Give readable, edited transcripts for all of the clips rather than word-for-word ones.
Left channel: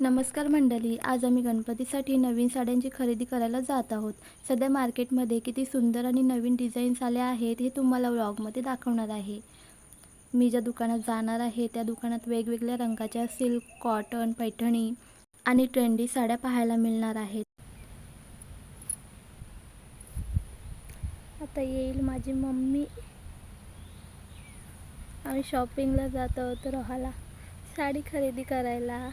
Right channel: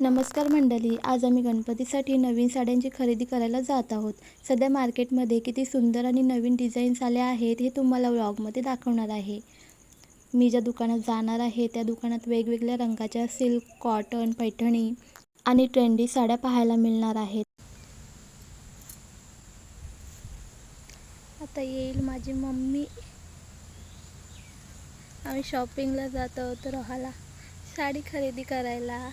नमस्कार मंडळी, आज आम्ही गणपतीसाठी नवीन साड्यांची खरेदी करायला जात आहोत. सध्या मार्केटमध्ये किती सुंदर आणि नवीन डिझाईन्स आल्या आहेत हे तुम्हाला व्लॉगमध्ये दाखवणार आहे. मी ज्या दुकानात जाणार आहे त्या दुकानात वेगवेगळ्या रंगाच्या सिल्क, कॉटन, पैठणी आणि ट्रेंडी साड्या पाहायला मिळणार आहेत. आता येईल माझी मम्मी. आम्ही शॉपिंगला जात आहोत रोहाला साडी खरेदी करायला.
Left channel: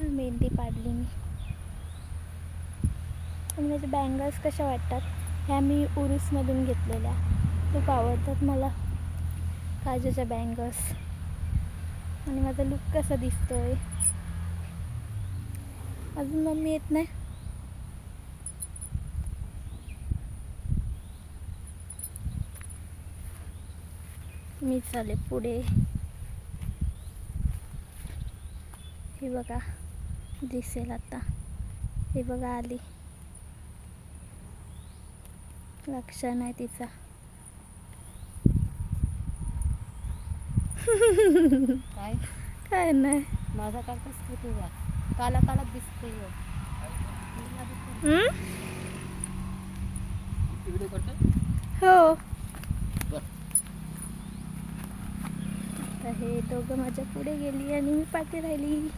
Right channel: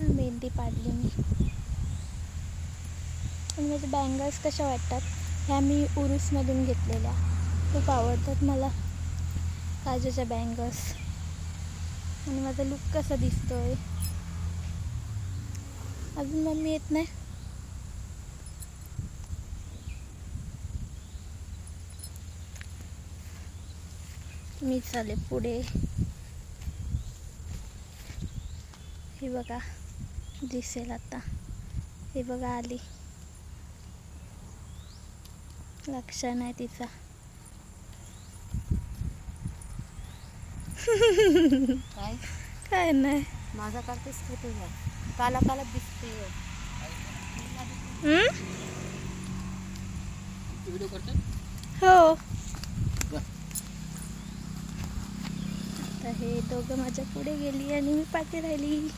मेहंदी पाडली मी. आणि माझ्या बँगल्स कशा वाटतात? ह्या मी उरूसमधून घेतलेल्या, खूप आवडतात मला काजूच्या बँगल्स. आणि माझा लुक कसा दिसतोय? अजून मम्मी येत नाही. मी चाले पुढे. हे बघा दिसेल आता. हे बघा आली. लक्ष नाही तिचा. काय काय नाही. माझा करतेस की तुझा काला काला दिसते. व्हिडिओ करतात हो. आता हे दोघं माझ्या पुढे गेली आणि मी पाठी राहिली.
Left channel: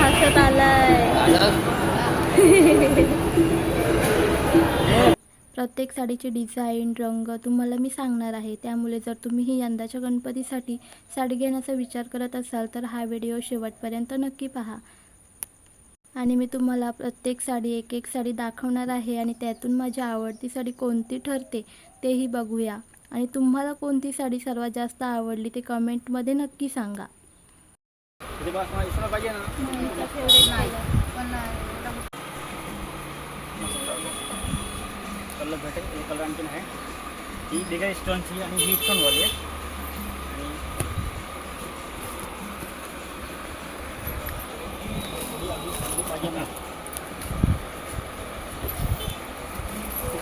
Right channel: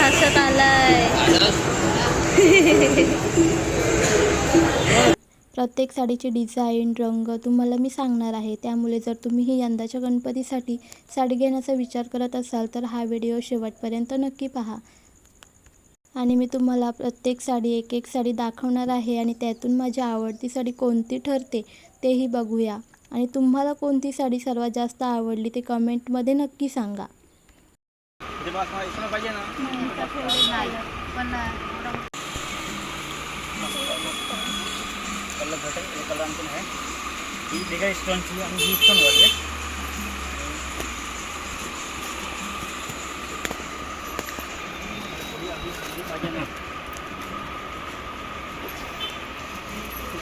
हसत आलाय. प्रत्येक साडीची डिझाईन, रंग तुम्हाला मी सांगणार आहे. त्यामुळे जर तुम्हीही यंदाच्या गणपतीसाठी साडी घेण्याचा विचार करत असाल तर हा व्हिडिओ शेवटपर्यंत नक्की पहा. आणि मी तुम्हाला प्रत्येक साडी एक एक साडी दाखवणार आहे आणि त्यातून माझी आवडती साडी कोणती ठरते तेही बघूया. आणि तुम्हाला कोणती साडी सर्वात जास्त आवडली ते कमेंटमध्ये नक्की सांगा. कलर भेटेल. हे कलर आणखीन आहे. ही डिगाई स्टोनची आणि ही स्टोनवाली आहे. पाहिजे ना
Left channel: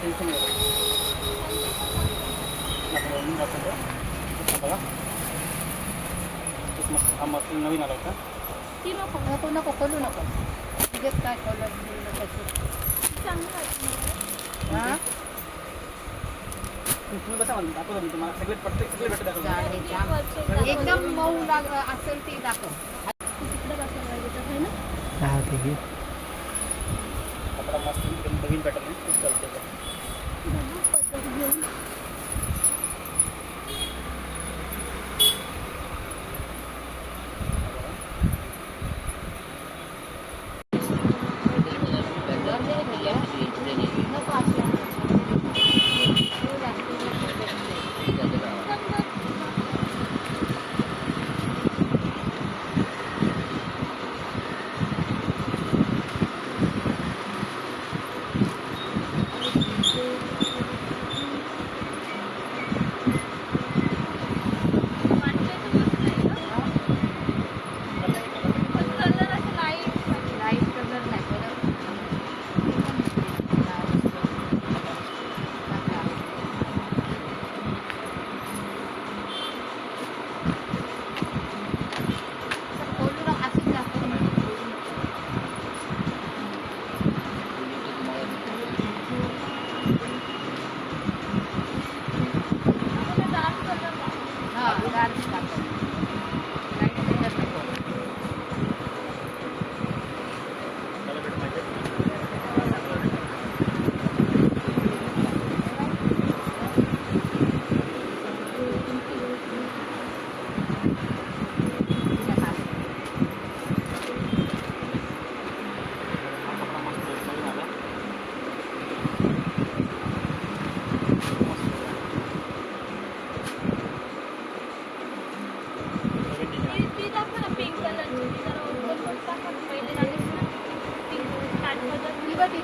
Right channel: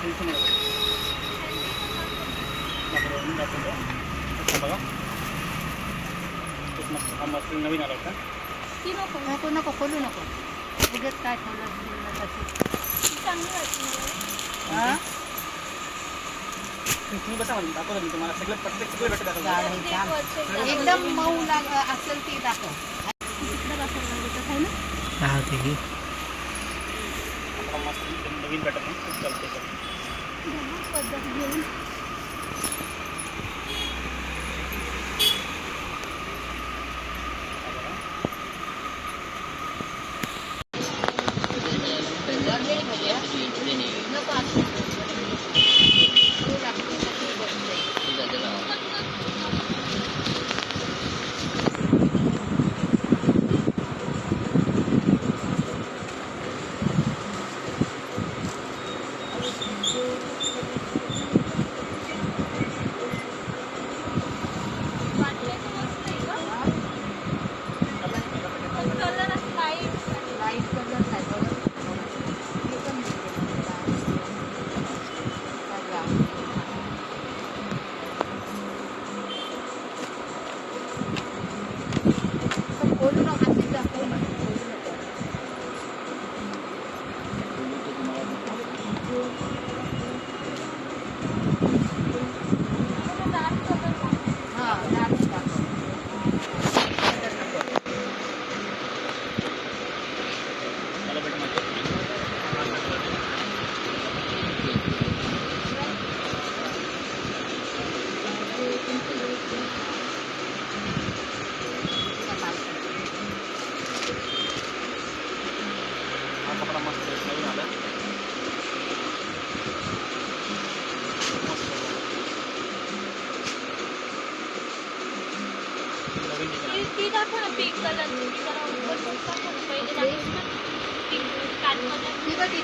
टेन्शन नाही. बघा हा मस्त नवीन आला का? ती नको नको नको खोलू नको. तिथेच काय कलर चांगली वाटली. तुम्ही बसा दाखव मी तुम्हाला सगळे प्रत्येक सगळे भेटत एकदम मऊ लाग असेल ती दाखव. कपडा मस्त एकदम नवीन भेटत नाही. खूप चालते पद्धत घेऊन पिंक कलर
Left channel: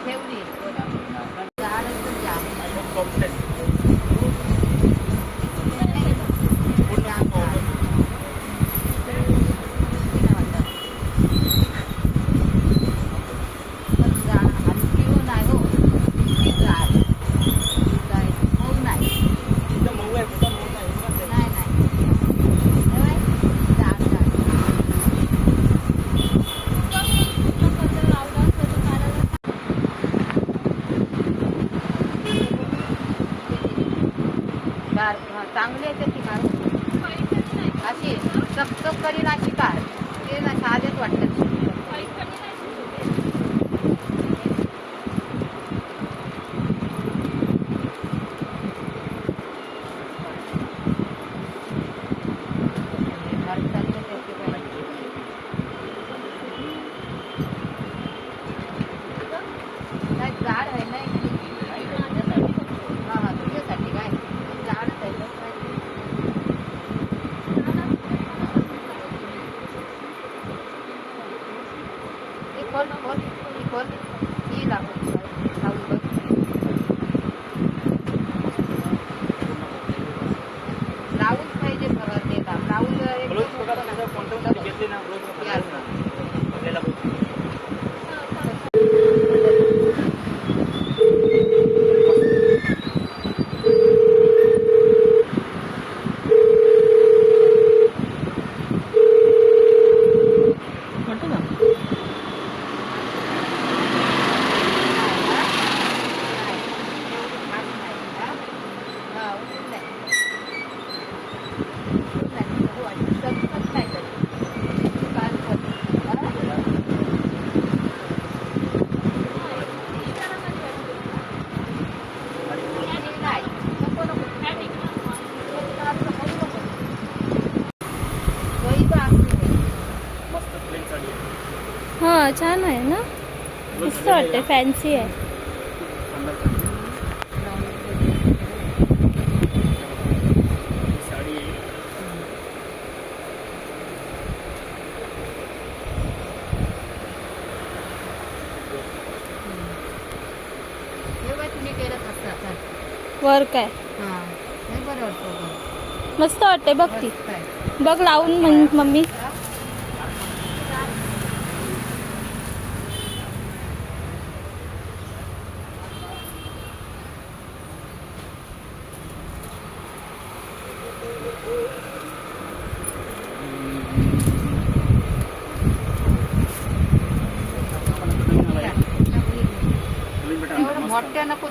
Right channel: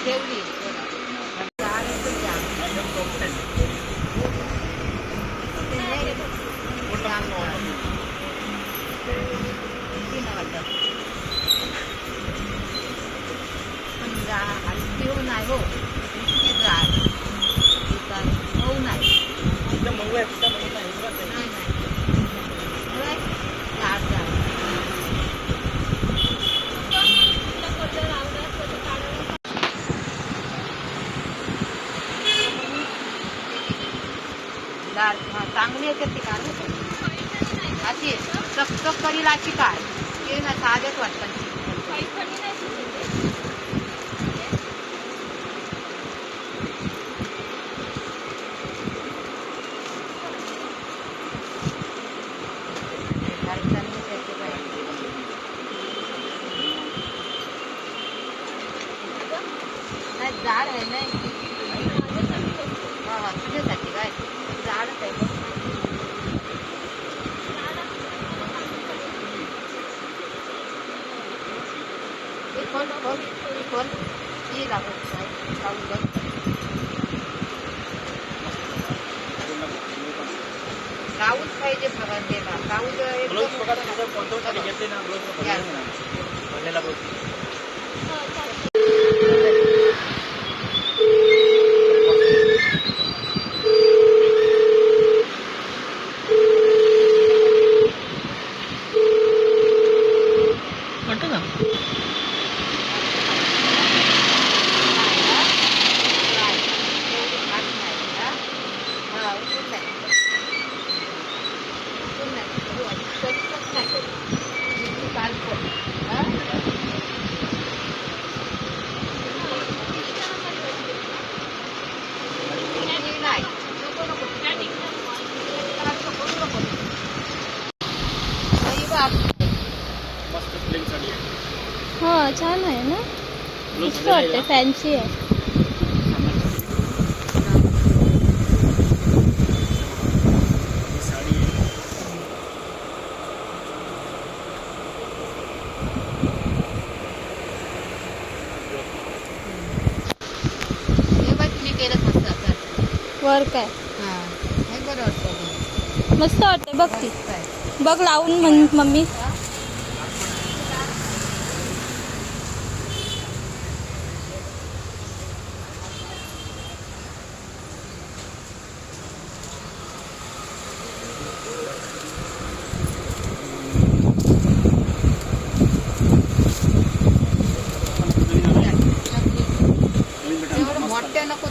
ठेवली. खोल ही लागत नाही. लावूच पाहिजे बघा त्याला. लावून ब्लाऊज बघा तुमच्या कोणत्या घेतले ना ब्लाऊज भरलेला ब्लाऊज. वाटतं ना मस्त प्लेन साडी आहे. हां छान आहे ना, ब्लाऊज मस्त वाटते, फॅन्सी आहे. ही साडी आहे. तुम्ही केलं मस्त. वर्क आहे, हां बरं वाटतं. मस्त वाटते. बघ ती, मस्त आहे. बघ लावून मम्मी. नवीन भेटा एवढं मस्त. मोठ्या नको.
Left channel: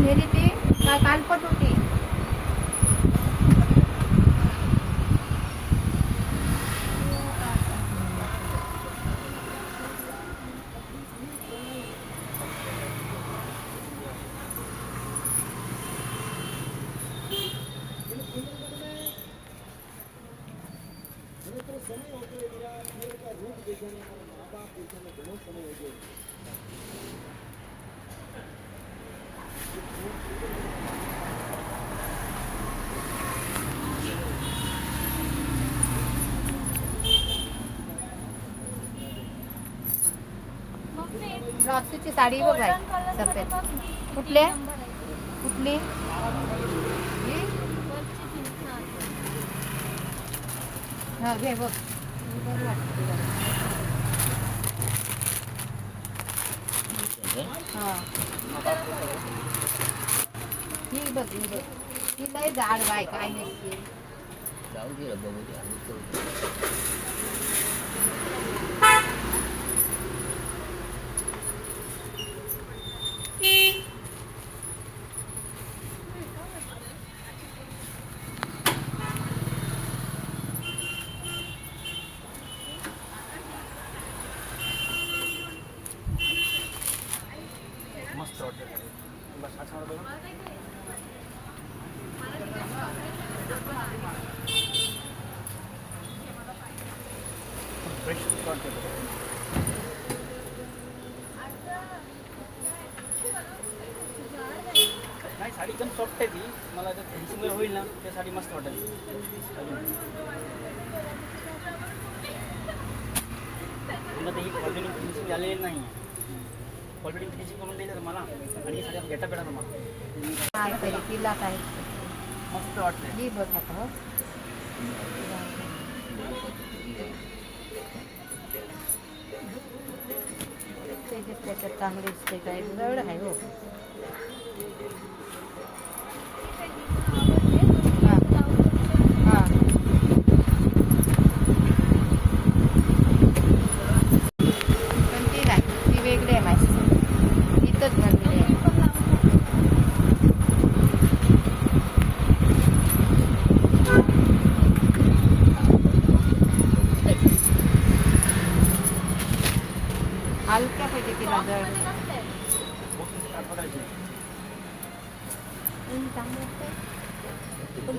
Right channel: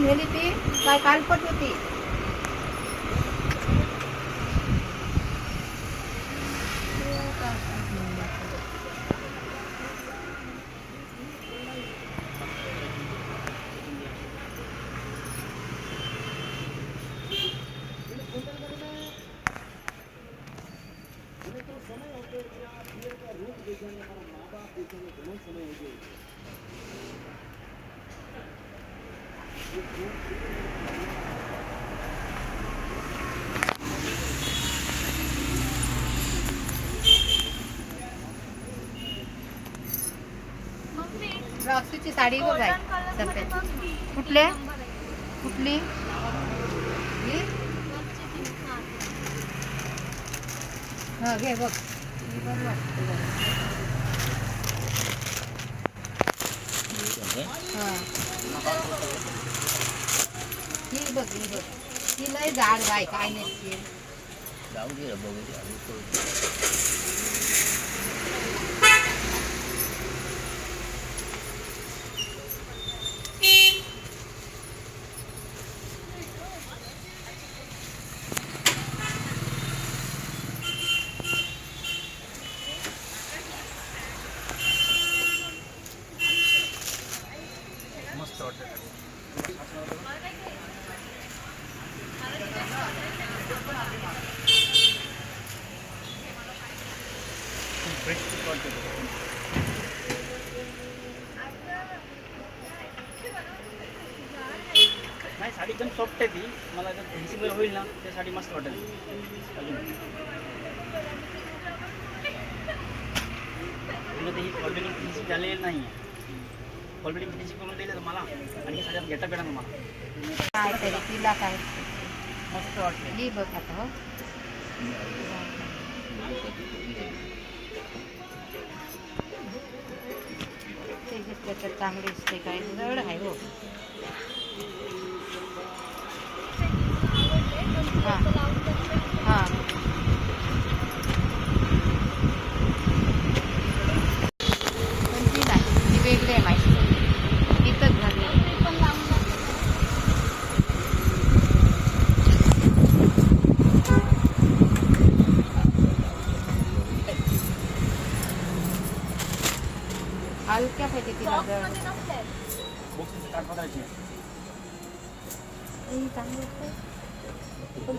नेली ती कालपट होती. अक्षूची साडी बघ आहे सध्या. कुठल्या कुठली ही? हा घे बघ. ही बरं वाटते जरा. हा ही बघ ही बघ. ही लय जाड बाय काय नसते. मस्त वाटते. नाही साडी एकदम सॉफ्ट आहे ती. मला जर फिनिशिंग होईल ना ते साडी मस्त वाटेल अजून. ही ऑलरेडी फिनिशिंग झालेली नाही आहे. ऑलरेडी फिनिशिंग करून दिलं तर मला आणि साड्यात घेता भेटा तुम्हाला. काहीतरी तिला काय मस्त वाटते. ही बघ आता हो. त्याच्यात चांगली दिसते काय जड आहे हो. हां पण ती नाही ती वेगळी आहे माहिती इथंच झाली. हलक्या पाहिजे तिला जड.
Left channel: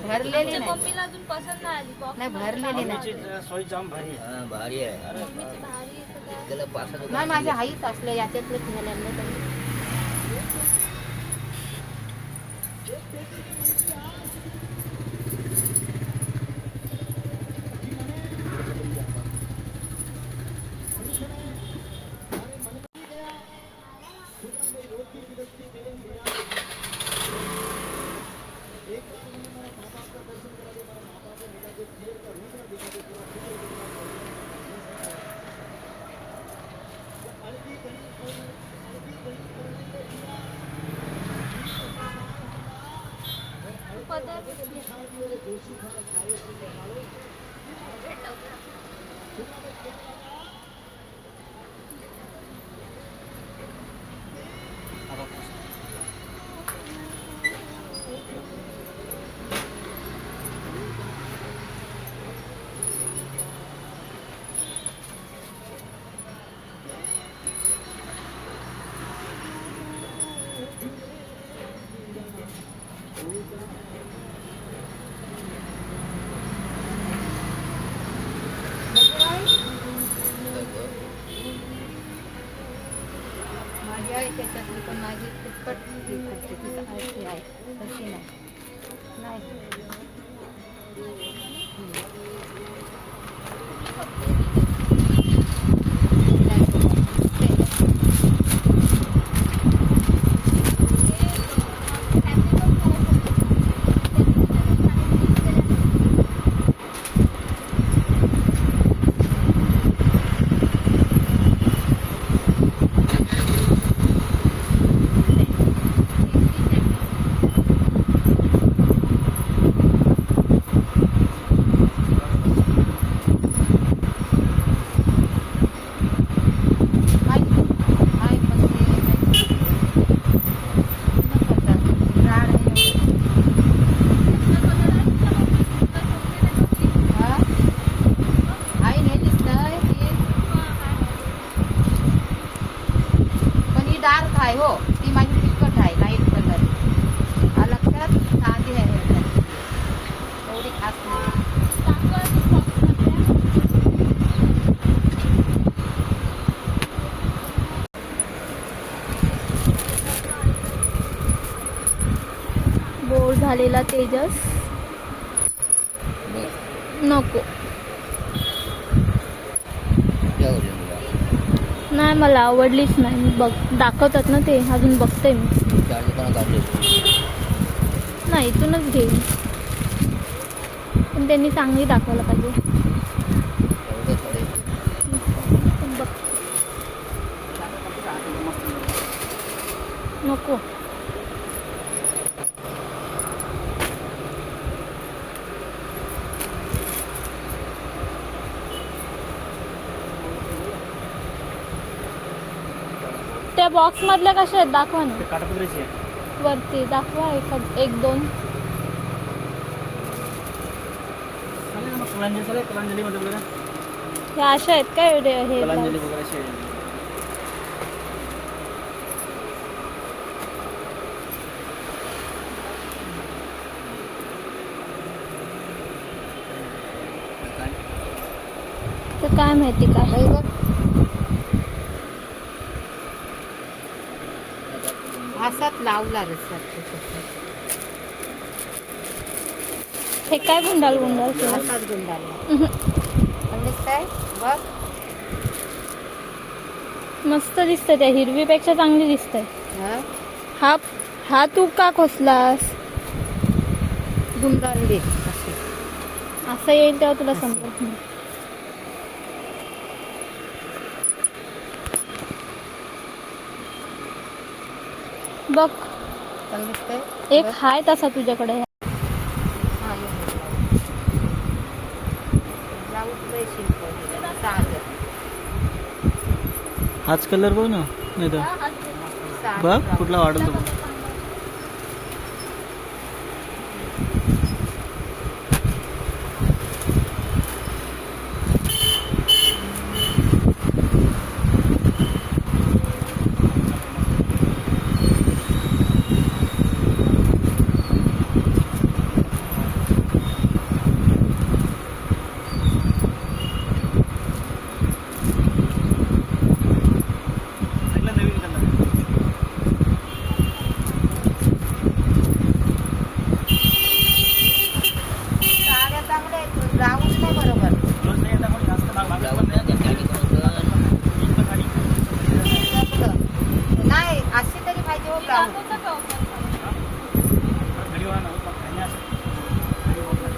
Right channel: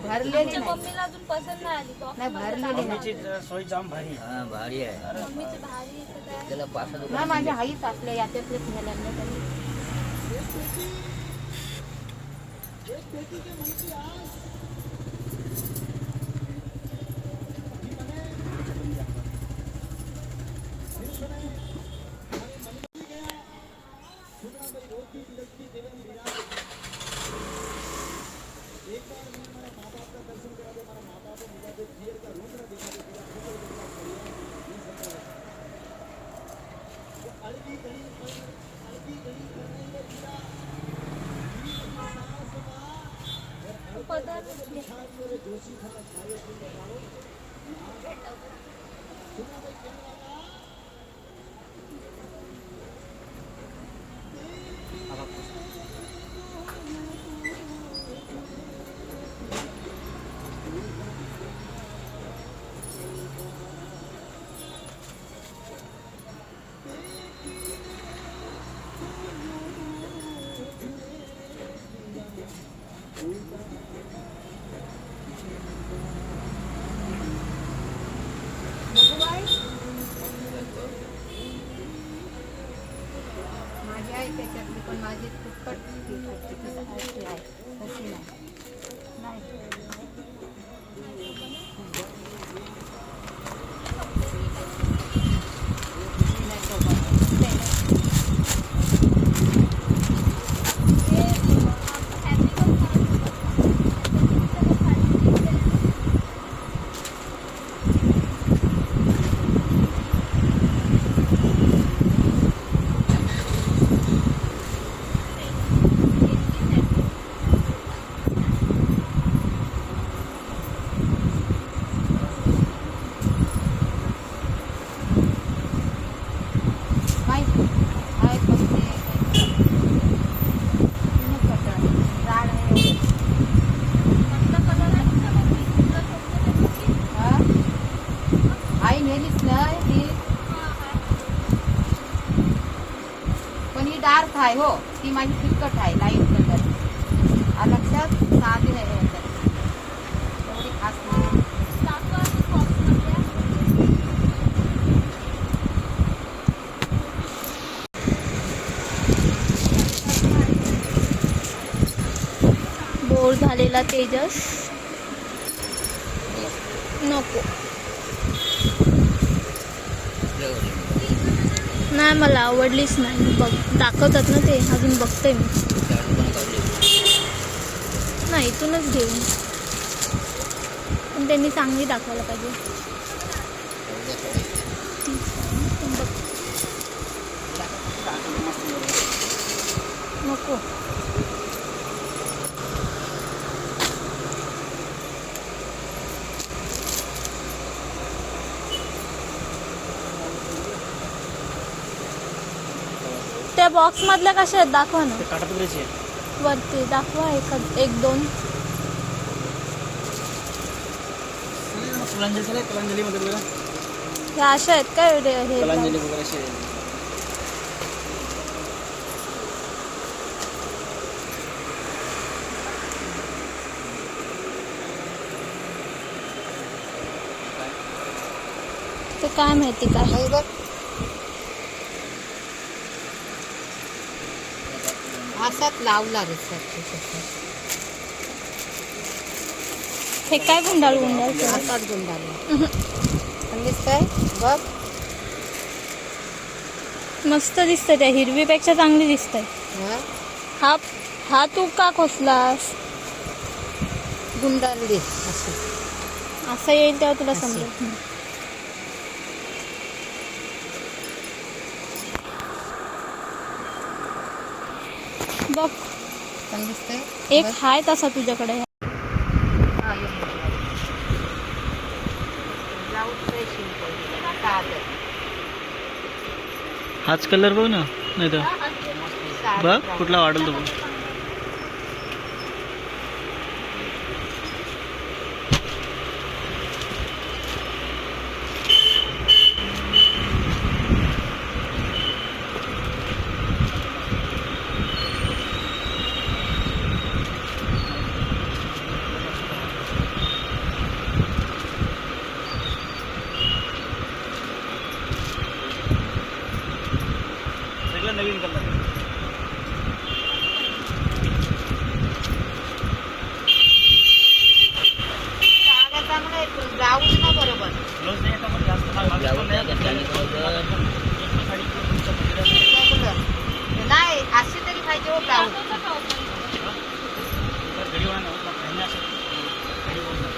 भरलेली नाही. मम्मीला अजून पसंत नाही आली बॉक्स नाही भरलेली नाही सोय जाम भारी. भारी आहे मम्मीची भारी आहे सगळं. त्याला 65 ना माझ्या आईच असल्या याच्यातलेच गेलेलं नाही तरी. माझी आई त्याच्यातली पण माझी तिखट तशी आहे तशी नाही नाही. आहे हो ती माझी तिखट आहे लाईट कलर लक्षात साधी आहे एवढी खास नाही. बोर झालेला तेजस नको नाही नाही मला आवडलीच नाही. मी दाखवतात ना ते, अजून बघते मी. नाही इथूनच घेईन, पण त्यांनी चांगली दाखवायला पाहिजे. बघ नको. त्या बॉक्स मधल्या कशा आहेत दाखवा ना. ते काठापदरीची आहे. वरती दाखवा एक दोन. चालेल ना, कलांजली चालेल. कलांजलीमध्ये बघा, ह्या अशा आहेत काय हे कलांजली वगैरे असे आहे. ते काय माहिती का. नाही बघ. असाच लावला रे सर. हे काय गुंडाळ गुंडाळ केलं. असाच गुंडाला दिसतंय बघ. मस्त दिसतंय. त्या हिरवीपेक्षा चांगली दिसतंय. हा हा हा तू का खोसलास. गुंडाळली अशी. असं येईल तेव्हा तुला समजेल. बघ पण दिसतंय एक हाय तसा तुझ्याकडे. हाच कलर बघ ना, नाही तर बघ कुठला वाढेल तो बघ. सगळं नवीन कलर. राहून ना बरोबर. रोज नाही येत आपण जास्त माल मागत पण नाही. नाही अशी तरी पाहिजे होता. घरी होणार ना, खाणे असं घरी होत नाही.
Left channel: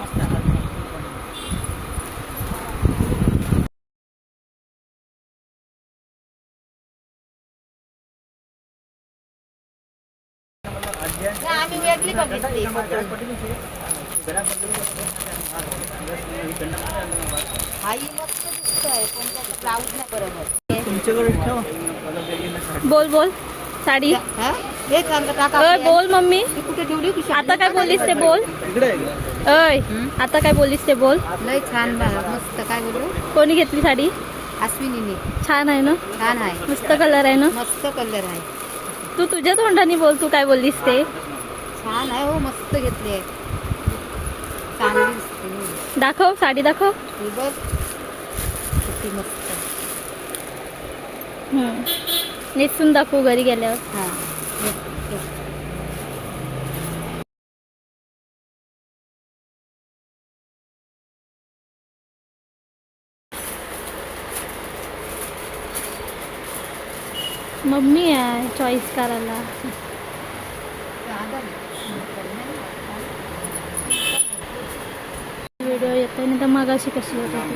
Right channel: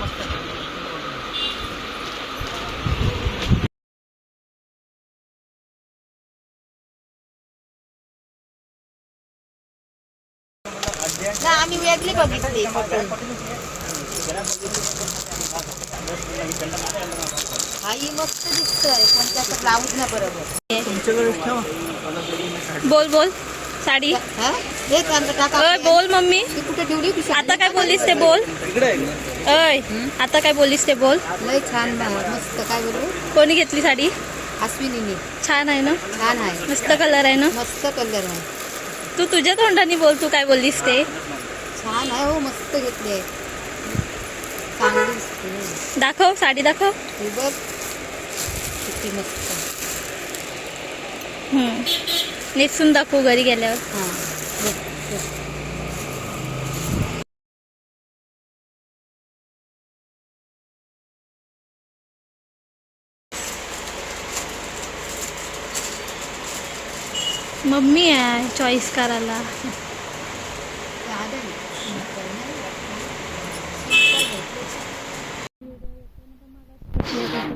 मस्त आहे. नाही आम्ही वेगळी बघितली. आई मस्त दिसतोय पण त्याचा ब्लाऊज ना बरोबर. तुमच्याकडे ठेवा. बोल बोल. साडी हा हे चांगलं टाका. अय बोल मम्मी. ती कुठे ठेवली होती साडी? आता काय बोललीस ते बोल. इकडे आहे. अय आता काय बोललीस ते बोल. लय छान मस्त. काय बोलू. कोणी घेतली साडी. अश्विनीने. छान आहे ना. छान आहे. मस्त कलर आहे ना. मस्त कलर आहे. तू तुझ्या तोंडाने बोल. तू काय बोललीस ते. छान आहे हो. मस्त घेतली आहे. चांगली दिसते. दाखव साडी दाखव. ही बघ किती मस्त. नेसून दाखवू घरी गेल्यावर. हा मम्मी आहे चॉईस करायला. व्हिडिओ येतो नाही तर मगाशी कशी येत होती.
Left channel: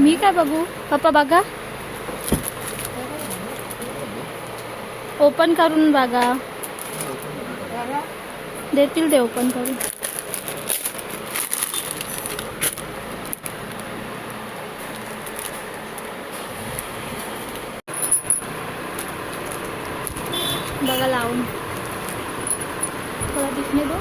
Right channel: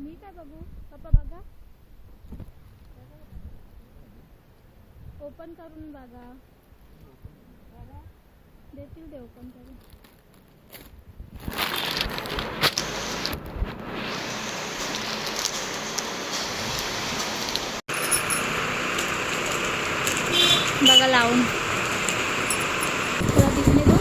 मी काय बघू. पप्पा बघा. ओपन करून बघा. देतील ते ओपन करून. बघा लावून. थोडा दिसणे दो.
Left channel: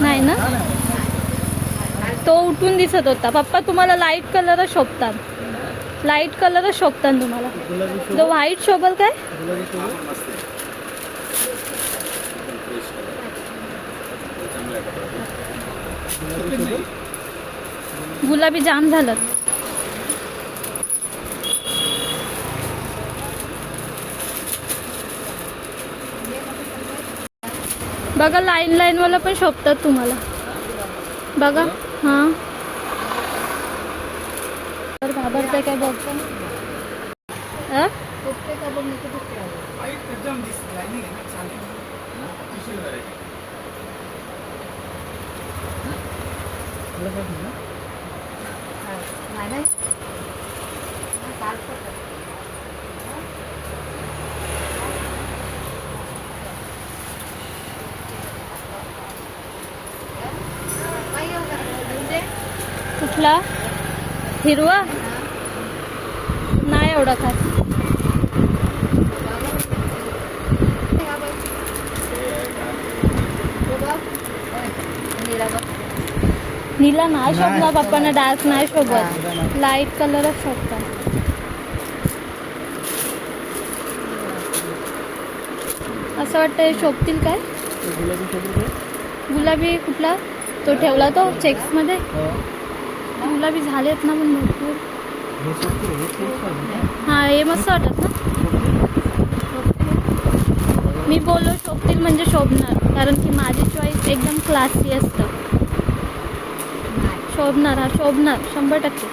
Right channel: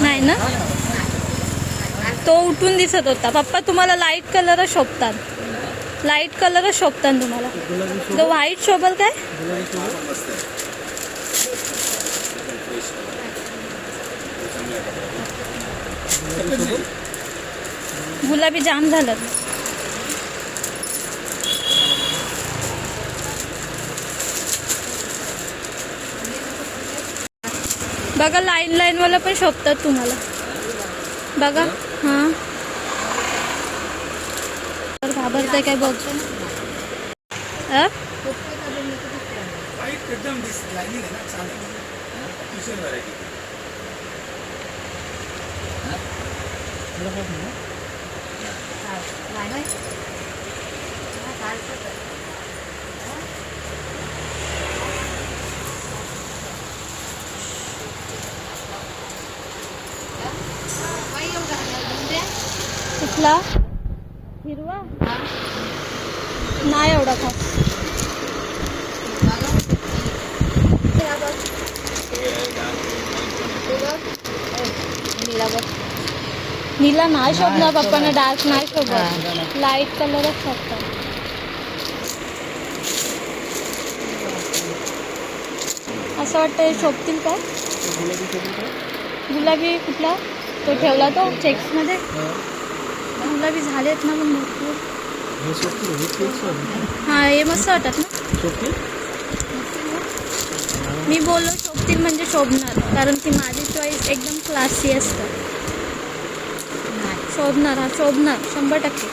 नाही ना. तो उठून दिसत होता. पप्पा तुम्हाला लाईट कलर शोभतात. लाईट कलर शोभतात तुम्हाला. तो व्हाईट शोभल काय. गुलाबी जाम झालं. बघा लाईन वाला पण शोभतात तुम्हाला. बघा हां तर घाबरते काय बघ. एकदम लाईनिंग आहे ना, चालेल. Special variety. कुठला हिरवा नाही एवढा खास. नीला नाही शोभणार पप्पांना. डार्क नाही शोभत. लाईट कलरच शोभतात. असं वाटतं हे शोभतील काय. गुलाबी कुठला तो ठेवला तो चेक्समध्ये. गुलाबी झालेत ना पण भरपूर. हां हे मस्त वाटत ना. मी बोललो शोभतील म्हणजे शोभणार, कारण की माझी चॉईस एकदम क्लासी असतं. शोभणार हा शोभणार 100%.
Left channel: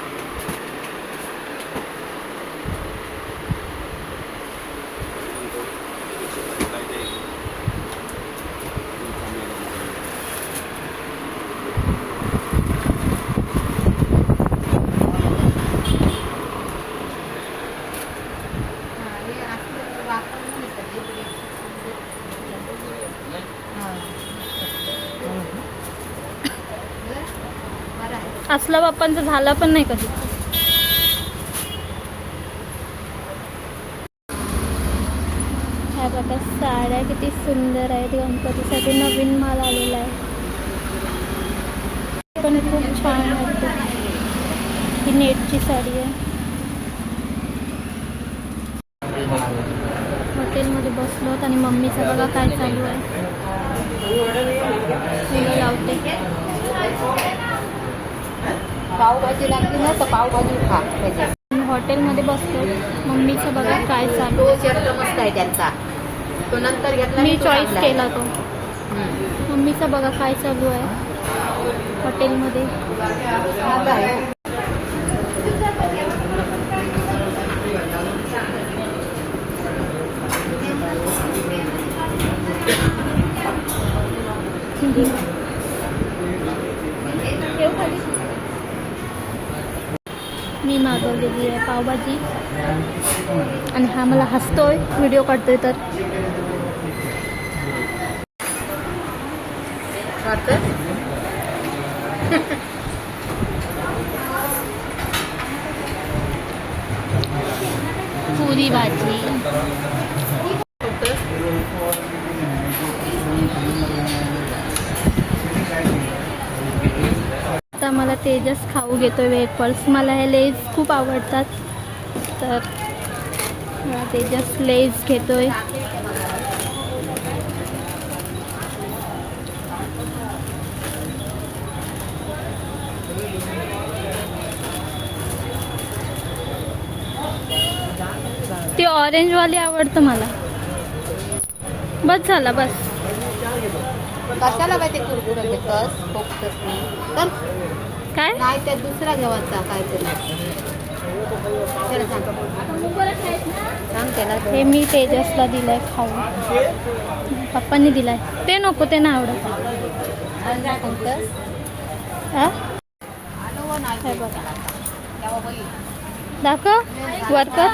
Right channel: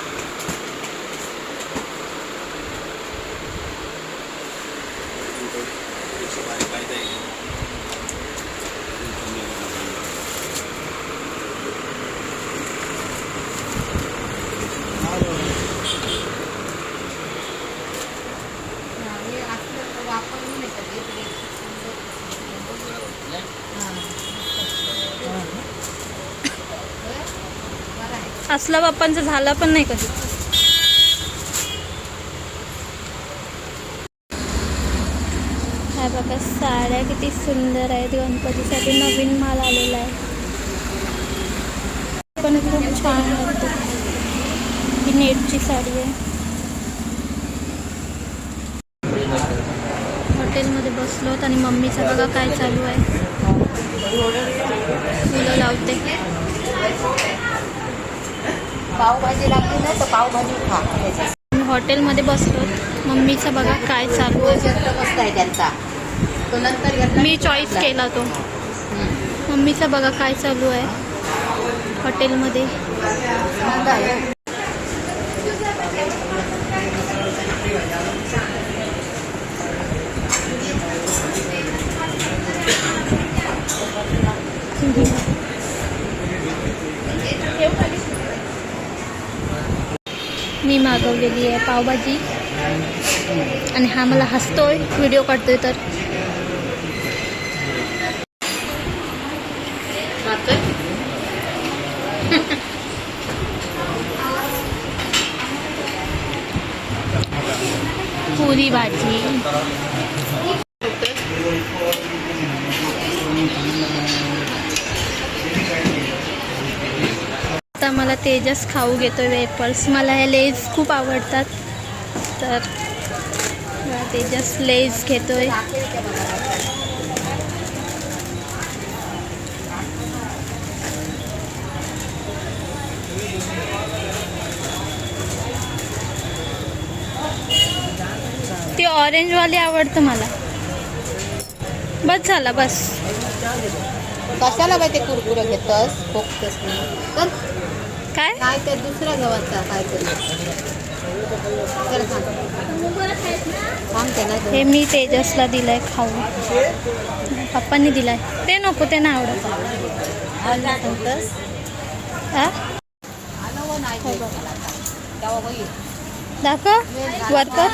असला बाप्पांचा झाला पण नाही कधी. ह्या बघा साड्या किती सुंदर आहेत. गणपतीसाठी नवीन माल आलेला आहे. पण खूप छान वाटते. ही नेटची साडी आहे. हॉटेलमध्ये बसलोत आणि मम्मीचं बघा काय चालू आहे. फुलं लावते. पावभाजी लागली ना तर पावभाजी खा. हॉटेलमध्ये बसलो. मम्मीचं बघा काय चालू आहे. शर्ट मस्त आहे त्यांचा. तो नंतर घेतला. मी चॉईस केला तो. मम्मीचं बघा काय चालू आहे हॉटेलमध्ये. मी मागवलेली आहे पावभाजी आणि हा मला हसतोय व्हिडिओ काढतोय तर. पुरी भाजी. आता मला तेजस खाऊ घेतोय वेफर्स. मला हे लेज खूप आवडतात तर मला तेजस लेज घेतोय. ती ऑरेंजवाली आवडतं मला. बस झाला बस. कशाला काय ते कुरकुरे घेतस फोकतस तर काय काय ते दुसरा गव्हाचा काहीतरी सांगते ना. हे मी तेजसला दिलंय खाऊ. पप्पांनी दिलाय. ते नको ते नाही आवडत. हा हे बघा दाखव वर कर.